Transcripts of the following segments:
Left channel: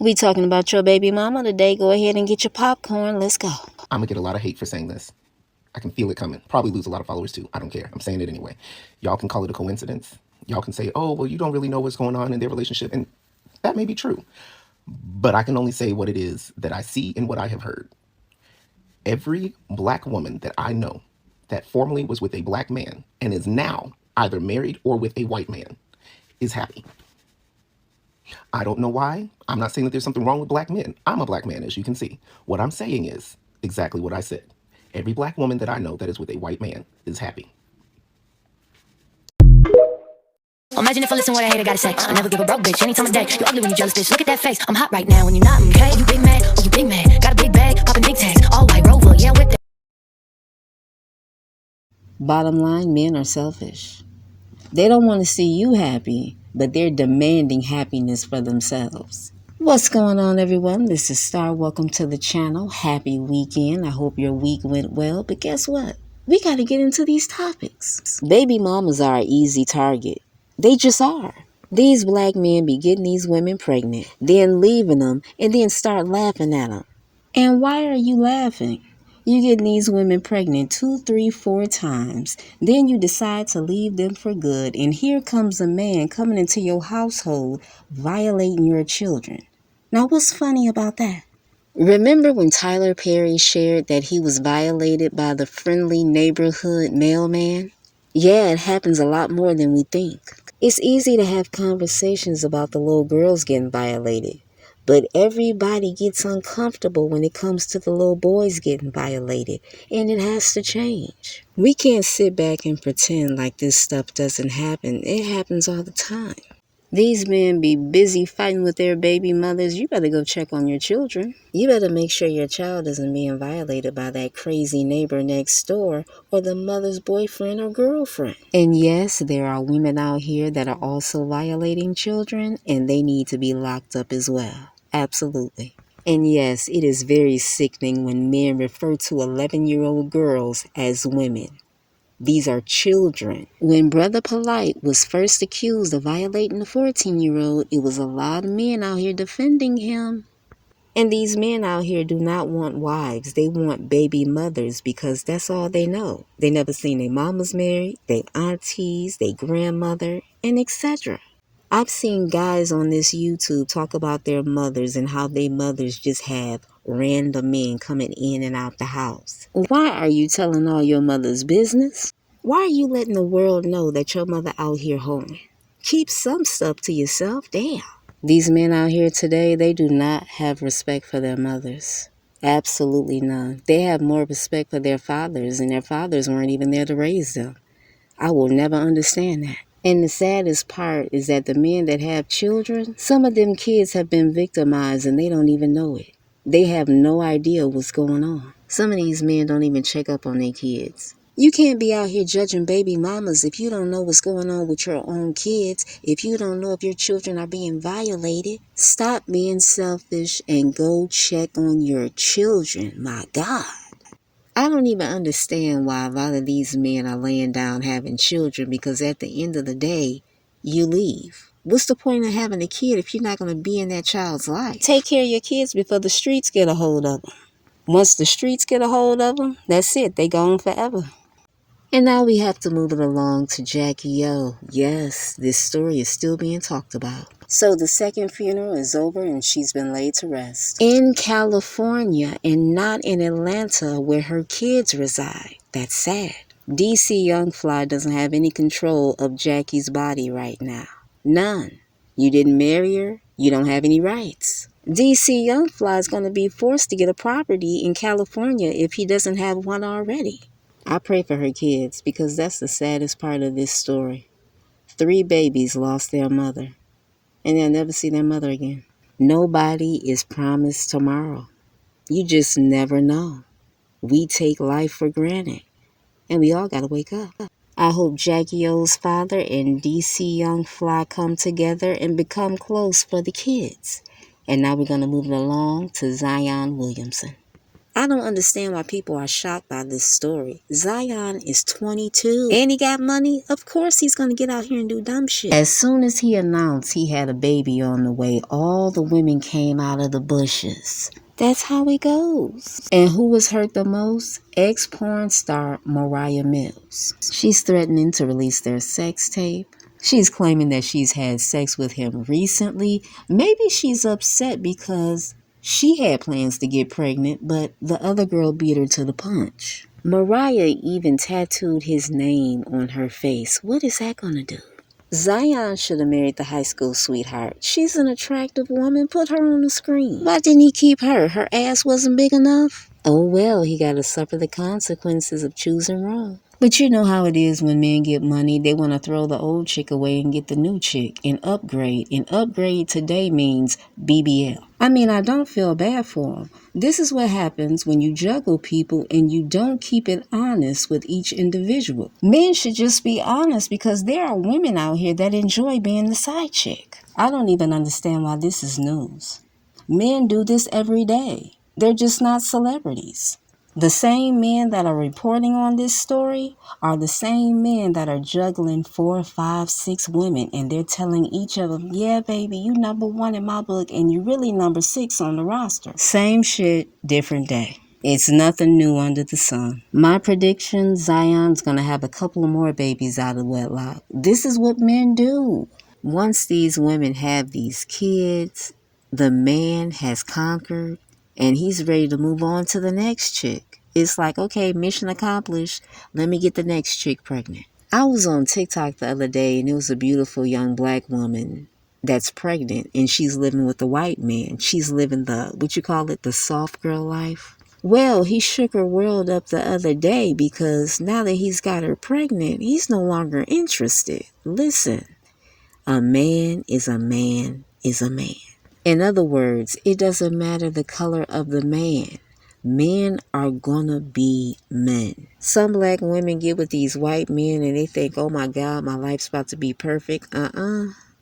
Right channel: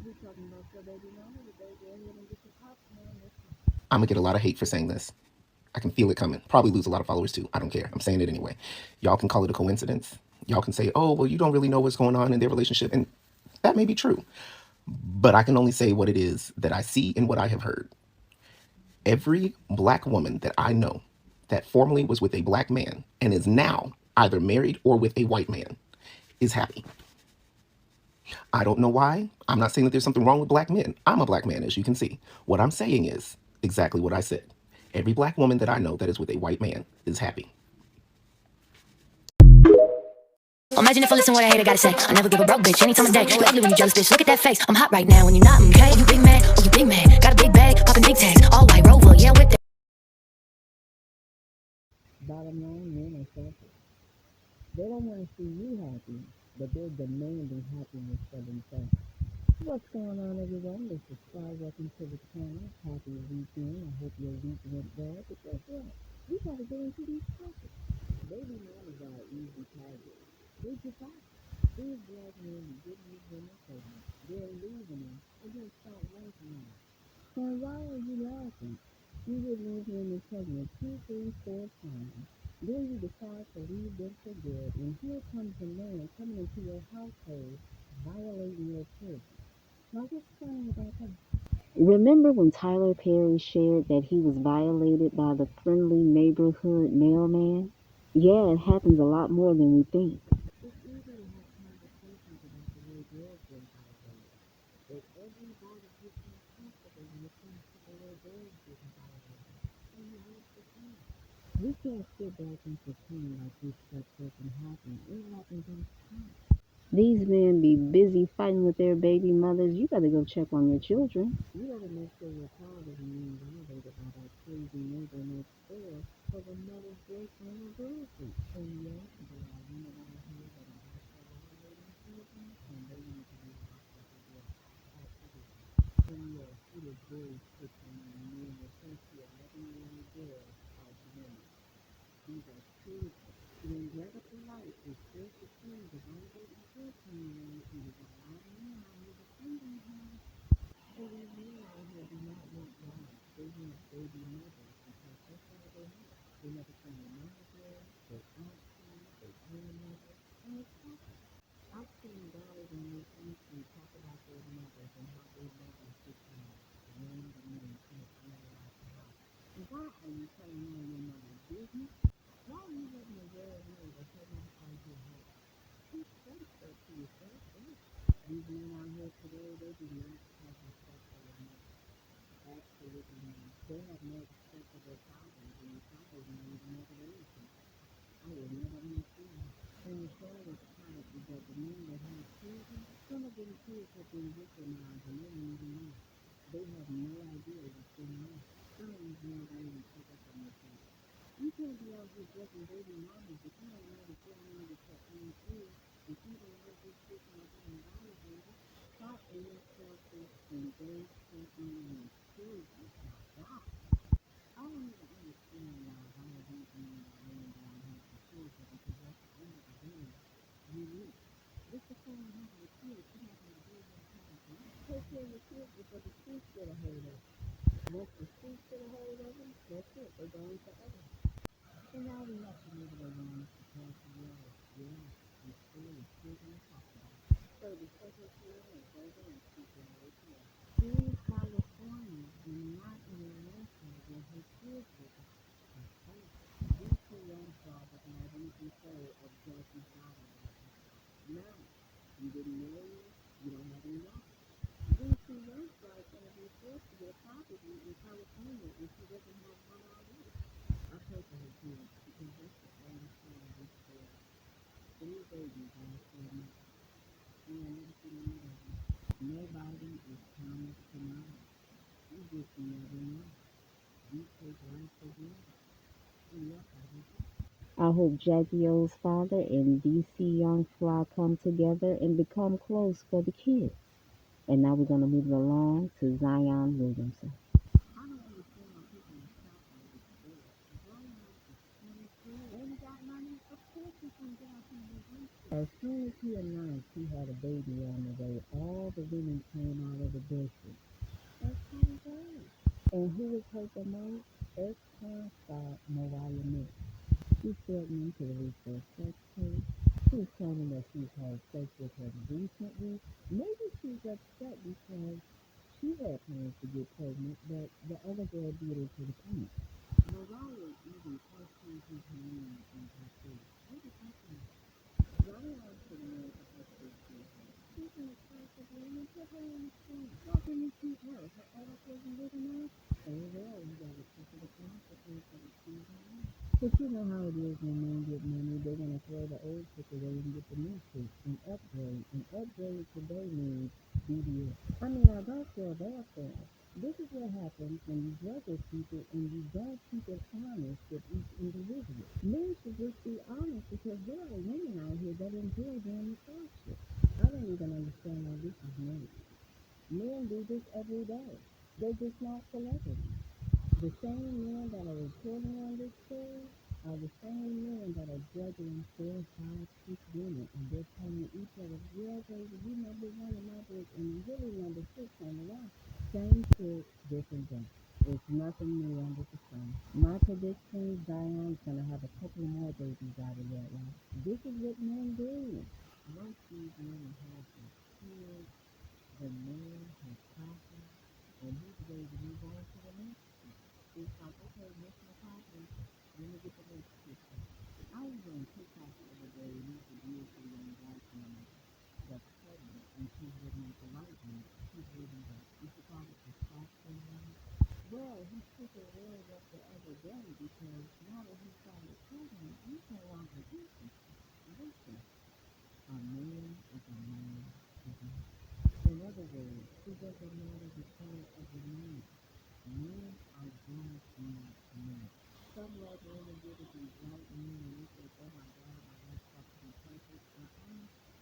We talking about your baby mama today. Go ahead and get your popcorn. Let's go. I'm gonna get a lot of hate for saying this. I can feel it coming. Probably lose a lot of followers too. I don't care. I'm saying it anyway. Y'all can call it a coincidence. Y'all can say, oh, well, you don't really know what's going on in their relationship. And that may be true. But I can only say what it is that I see and what I have heard. Every black woman that I know that formerly was with a black man and is now either married or with a white man is happy. I don't know why. I'm not saying that there's something wrong with black men. I'm a black man, as you can see. What I'm saying is exactly what I said. Every black woman that I know that is with a white man is happy. Imagine if I listen what I hate, I gotta say. I never give a broke bitch any time of day. You ugly when you jealous, bitch. Look at that face. I'm hot right now when you're not, okay? You big man, oh you big man. Got a big bag, popping big tags. All white Rover, yeah, with that. Bottom line, men are selfish. They don't want to see you happy, but they're demanding happiness for themselves. What's going on, everyone? This is Star. Welcome to the channel. Happy weekend. I hope your week went well. But guess what? We got to get into these topics. Baby mamas are an easy target. They just are. These black men be getting these women pregnant, then leaving them, and then start laughing at them. And why are you laughing? You getting these women pregnant 2, 3, 4 times. Then you decide to leave them for good. And here comes a man coming into your household, violating your children. Now, what's funny about that? Remember when Tyler Perry shared that he was violated by the friendly neighborhood mailman? Yeah, it happens a lot more than we think. It's easy to have conversations about the little girls getting violated, but everybody gets uncomfortable when it comes to the little boys getting violated, and it has to change. We can't sit back and pretend like this stuff doesn't happen. It happens all the time. These men be busy fighting with their baby mothers. You better go check on your children. You better make sure your child isn't being violated by that crazy neighbor next door or the mother's boyfriend or girlfriend. And yes, there are women out here that are also violating children, and they need to be locked up as well. Absolutely. And yes, it is very sickening when men refer to 11-year-old girls as women. These are children. When Brother Polite was first accused of violating a 14-year-old, it was a lot of men out here defending him. And these men out here do not want wives. They want baby mothers because that's all they know. They never seen their mamas married, their aunties, their grandmother, and etc. I've seen guys on this YouTube talk about their mothers and how their mothers just have random men coming in and out the house. Why are you telling all your mother's business? Why are you letting the world know that your mother out here hoeing? Keep some stuff to yourself, damn. These men out here today, they do not have respect for their mothers. Absolutely none. They have more respect for their fathers, and their fathers weren't even there to raise them. I will never understand that. And the saddest part is that the men that have children, some of them kids have been victimized and they don't even know it. They have no idea what's going on. Some of these men don't even check up on their kids. You can't be out here judging baby mamas if you don't know what's going on with your own kids, if you don't know if your children are being violated. Stop being selfish and go check on your children. My God. I don't even understand why a lot of these men are laying down having children, because at the end of the day, you leave. What's the point of having a kid if you're not going to be in that child's life? Take care of your kids before the streets get a hold of them. Once the streets get a hold of them, that's it. They gone forever. And now we have to move it along to Jackie O. Yes, this story is still being talked about. So the second funeral is over and she's been laid to rest. In California and not in Atlanta where her kids reside. That's sad. DC Young Fly doesn't have any control of Jackie's body right now. None. You didn't marry her. You don't have any rights. DC Young Fly is going to be forced to get a property in California if he doesn't have one already. I pray for her kids because that's the saddest part of this story. 3 babies lost their mother, and they'll never see their mother again. Nobody is promised tomorrow. You just never know. We take life for granted, and we all got to wake up. I hope Jackie O's father and DC Young Fly come together and become close for the kids. And now we're going to move it along to Zion Williamson. I don't understand why people are shocked by this story. Zion is 22 and he got money. Of course he's going to get out here and do dumb shit. As soon as he announced he had a baby on the way, all the women came out of the bushes. That's how it goes. And who was hurt the most? Ex-porn star Mariah Mills. She's threatening to release their sex tape. She's claiming that she's had sex with him recently. Maybe she's upset because she had plans to get pregnant, but the other girl beat her to the punch. Mariah even tattooed his name on her face. What is that gonna do? Zion should have married the high school sweetheart. She's an attractive woman. Put her on the screen. Why didn't he keep her? Her ass wasn't big enough? Oh well, he got to suffer the consequences of choosing wrong. But you know how it is when men get money. They want to throw the old chick away and get the new chick and upgrade. And upgrade today means BBL. I mean, I don't feel bad for them. This is what happens when you juggle people and you don't keep it honest with each individual. Men should just be honest because there are women out here that enjoy being the side chick. I don't even understand why this is news. Men do this every day. They're just not celebrities. The same men that are reporting on this story are the same men that are juggling 4, 5, 6 women, and they're telling each of them, yeah, baby, you number 1 in my book, and you really number 6 on the roster. Same shit, different day. It's nothing new under the sun. My prediction, Zion's gonna have a couple of more babies out of wedlock. This is what men do. Once these women have these kids, the man has conquered, and he's ready to move on to the next chick. It's like, okay, mission accomplished. Let me get the next chick pregnant. I was on TikTok the other day, and it was a beautiful young black woman that's pregnant, and she's living with a white man. She's living the soft girl life. Well, he shook her world up the other day because now that he's got her pregnant, he's no longer interested. Listen, a man is a man is a man. In other words, it doesn't matter the color of the man. Men are gonna be men. Some black women get with these white men and they think, oh my God, my life's about to be perfect.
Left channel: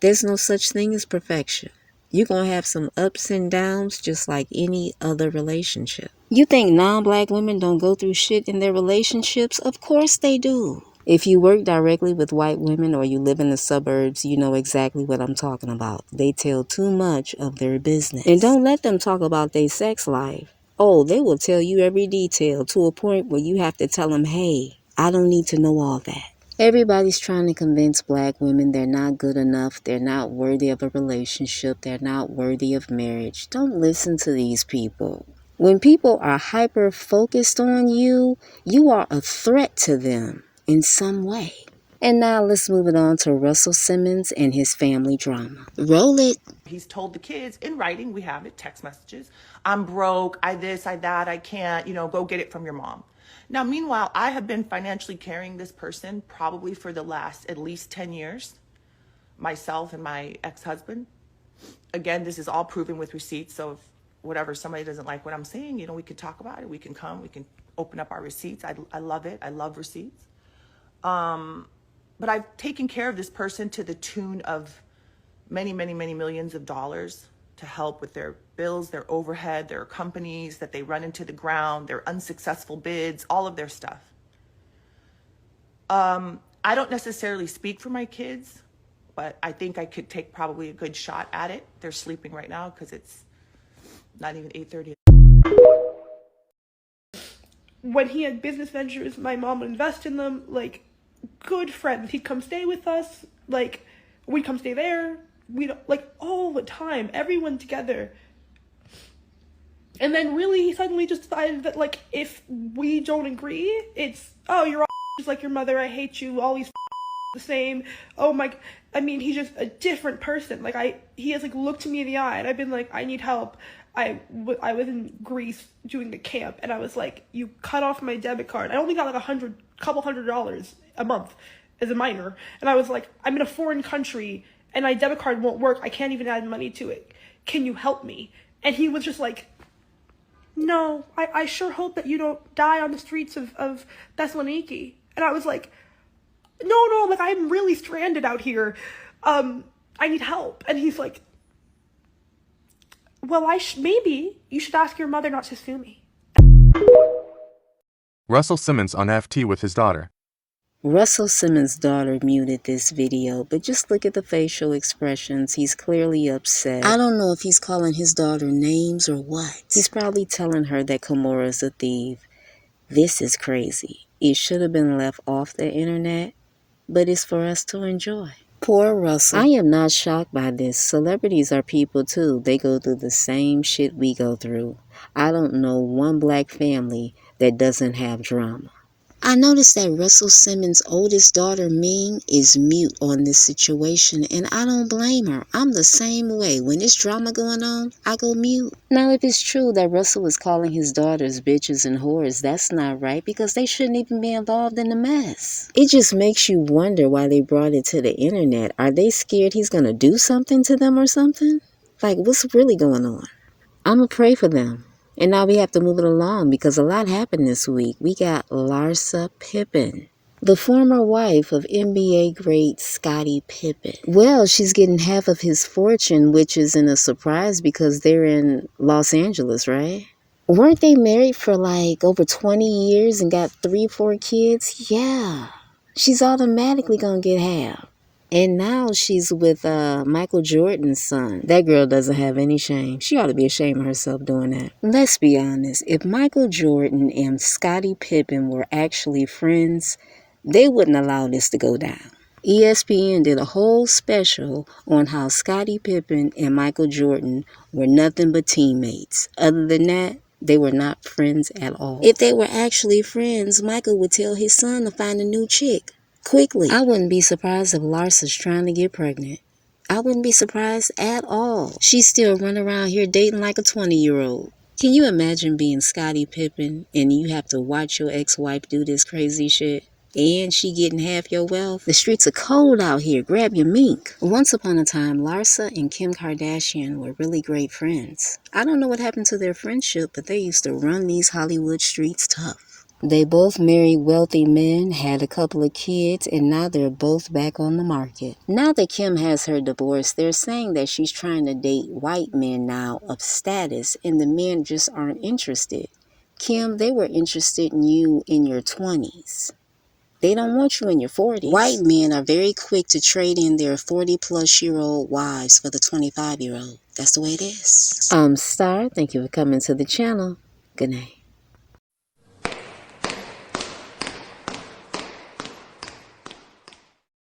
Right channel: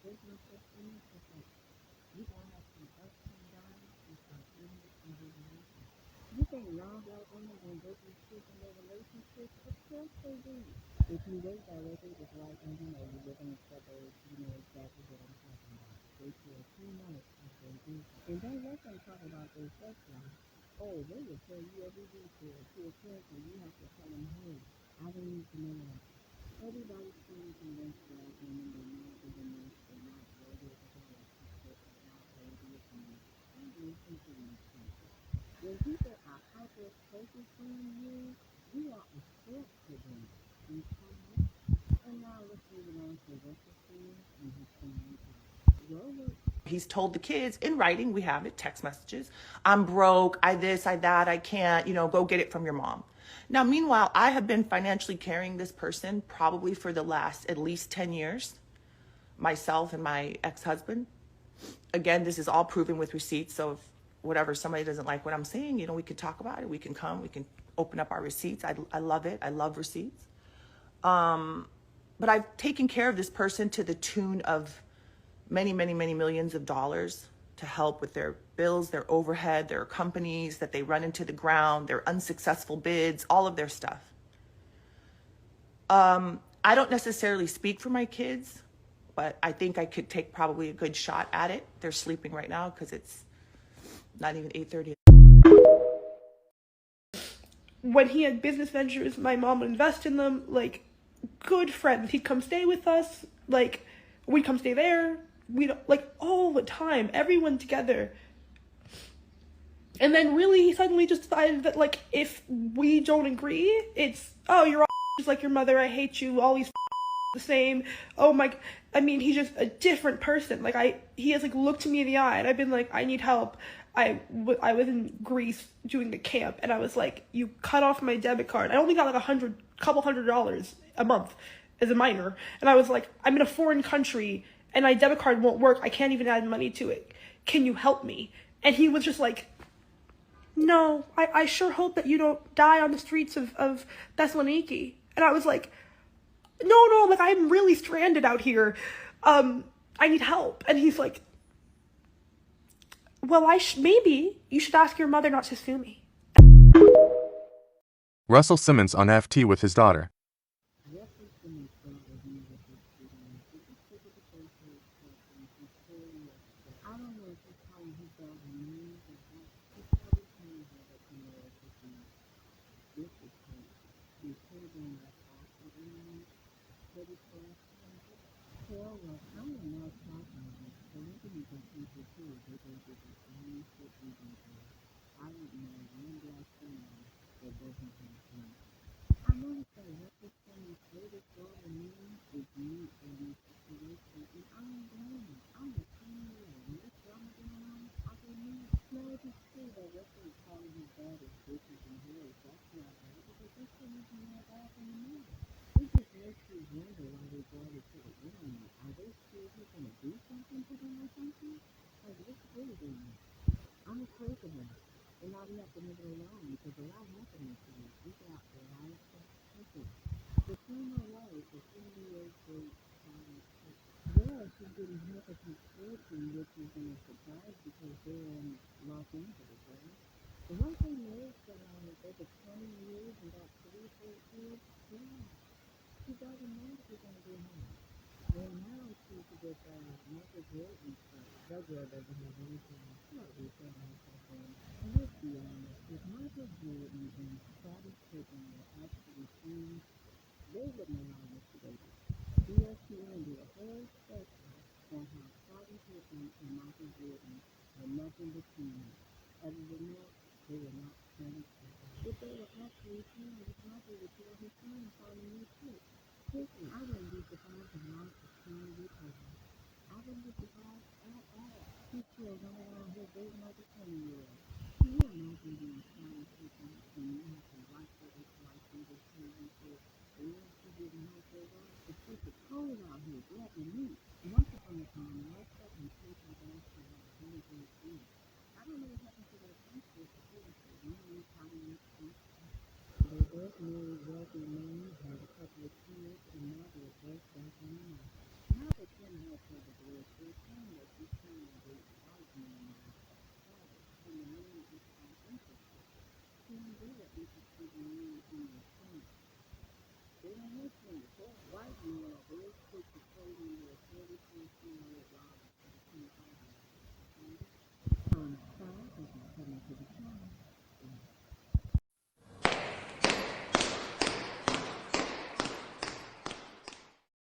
There's no such thing as perfection. You're gonna have some ups and downs just like any other relationship. You think non-black women don't go through shit in their relationships? Of course they do. If you work directly with white women or you live in the suburbs, you know exactly what I'm talking about. They tell too much of their business. And don't let them talk about their sex life. Oh, they will tell you every detail to a point where you have to tell them, hey, I don't need to know all that. Everybody's trying to convince black women they're not good enough, they're not worthy of a relationship, they're not worthy of marriage. Don't listen to these people. When people are hyper-focused on you, you are a threat to them in some way. And now let's move it on to Russell Simmons and his family drama. Roll it. He's told the kids in writing, we have it, text messages, I'm broke, I this, I that, I can't, go get it from your mom. Now, meanwhile, I have been financially carrying this person probably for the last at least 10 years, myself and my ex-husband. Again, this is all proven with receipts, so if somebody doesn't like what I'm saying, we could talk about it, we can come, we can open up our receipts. I love it, I love receipts. But I've taken care of this person to the tune of many, many, many millions of dollars to help with their bills, their overhead, their companies that they run into the ground, their unsuccessful bids, all of their stuff. I don't necessarily speak for my kids, but I think I could take probably a good shot at it. They're sleeping right now because it's not even 8:30. When he had business ventures, my mom would invest in them, like, good friends. He'd come stay with us, like, we'd come stay there, all the time, everyone together. And then really, he suddenly just decided that, like, if we don't agree, it's, oh, you're all just like your mother, I hate you, all these the same, oh my, he's just a different person. Like, he has, like, looked me in the eye, and I've been like, I need help. I was in Greece doing the camp, and I was like, you cut off my debit card. I only got like couple $100 a month as a minor. And I was like, I'm in a foreign country, and my debit card won't work. I can't even add money to it. Can you help me? And he was just like, no, I sure hope that you don't die on the streets of Thessaloniki. And I was like, no, like, I'm really stranded out here. I need help. And he's like, well, maybe you should ask your mother not to sue me. Russell Simmons on FT with his daughter. Russell Simmons' daughter muted this video, but just look at the facial expressions. He's clearly upset. I don't know if he's calling his daughter names or what. He's probably telling her that Kimaura's a thief. This is crazy. It should have been left off the internet, but it's for us to enjoy. Poor Russell. I am not shocked by this. Celebrities are people too. They go through the same shit we go through. I don't know one black family that doesn't have drama. I noticed that Russell Simmons' oldest daughter, Ming, is mute on this situation, and I don't blame her. I'm the same way. When there's drama going on, I go mute. Now, if it's true that Russell is calling his daughters bitches and whores, that's not right, because they shouldn't even be involved in the mess. It just makes you wonder why they brought it to the internet. Are they scared he's gonna do something to them or something? Like, what's really going on? I'ma pray for them. And now we have to move it along because a lot happened this week. We got Larsa Pippen, the former wife of NBA great Scottie Pippen. Well, she's getting half of his fortune, which isn't a surprise because they're in Los Angeles, right? Weren't they married for like over 20 years and got 3-4 kids? Yeah. She's automatically gonna get half. And now she's with Michael Jordan's son. That girl doesn't have any shame. She ought to be ashamed of herself doing that. Let's be honest. If Michael Jordan and Scottie Pippen were actually friends, they wouldn't allow this to go down. ESPN did a whole special on how Scottie Pippen and Michael Jordan were nothing but teammates. Other than that, they were not friends at all. If they were actually friends, Michael would tell his son to find a new chick quickly. I wouldn't be surprised if Larsa's trying to get pregnant. I wouldn't be surprised at all. She's still running around here dating like a 20-year-old. Can you imagine being Scottie Pippen and you have to watch your ex-wife do this crazy shit? And she getting half your wealth? The streets are cold out here. Grab your mink. Once upon a time, Larsa and Kim Kardashian were really great friends. I don't know what happened to their friendship, but they used to run these Hollywood streets tough. They both married wealthy men, had a couple of kids, and now they're both back on the market. Now that Kim has her divorce, they're saying that she's trying to date white men now of status, and the men just aren't interested. Kim, they were interested in you in your 20s. They don't want you in your 40s. White men are very quick to trade in their 40-plus-year-old wives for the 25-year-old. That's the way it is. Star, thank you for coming to the channel. Good night.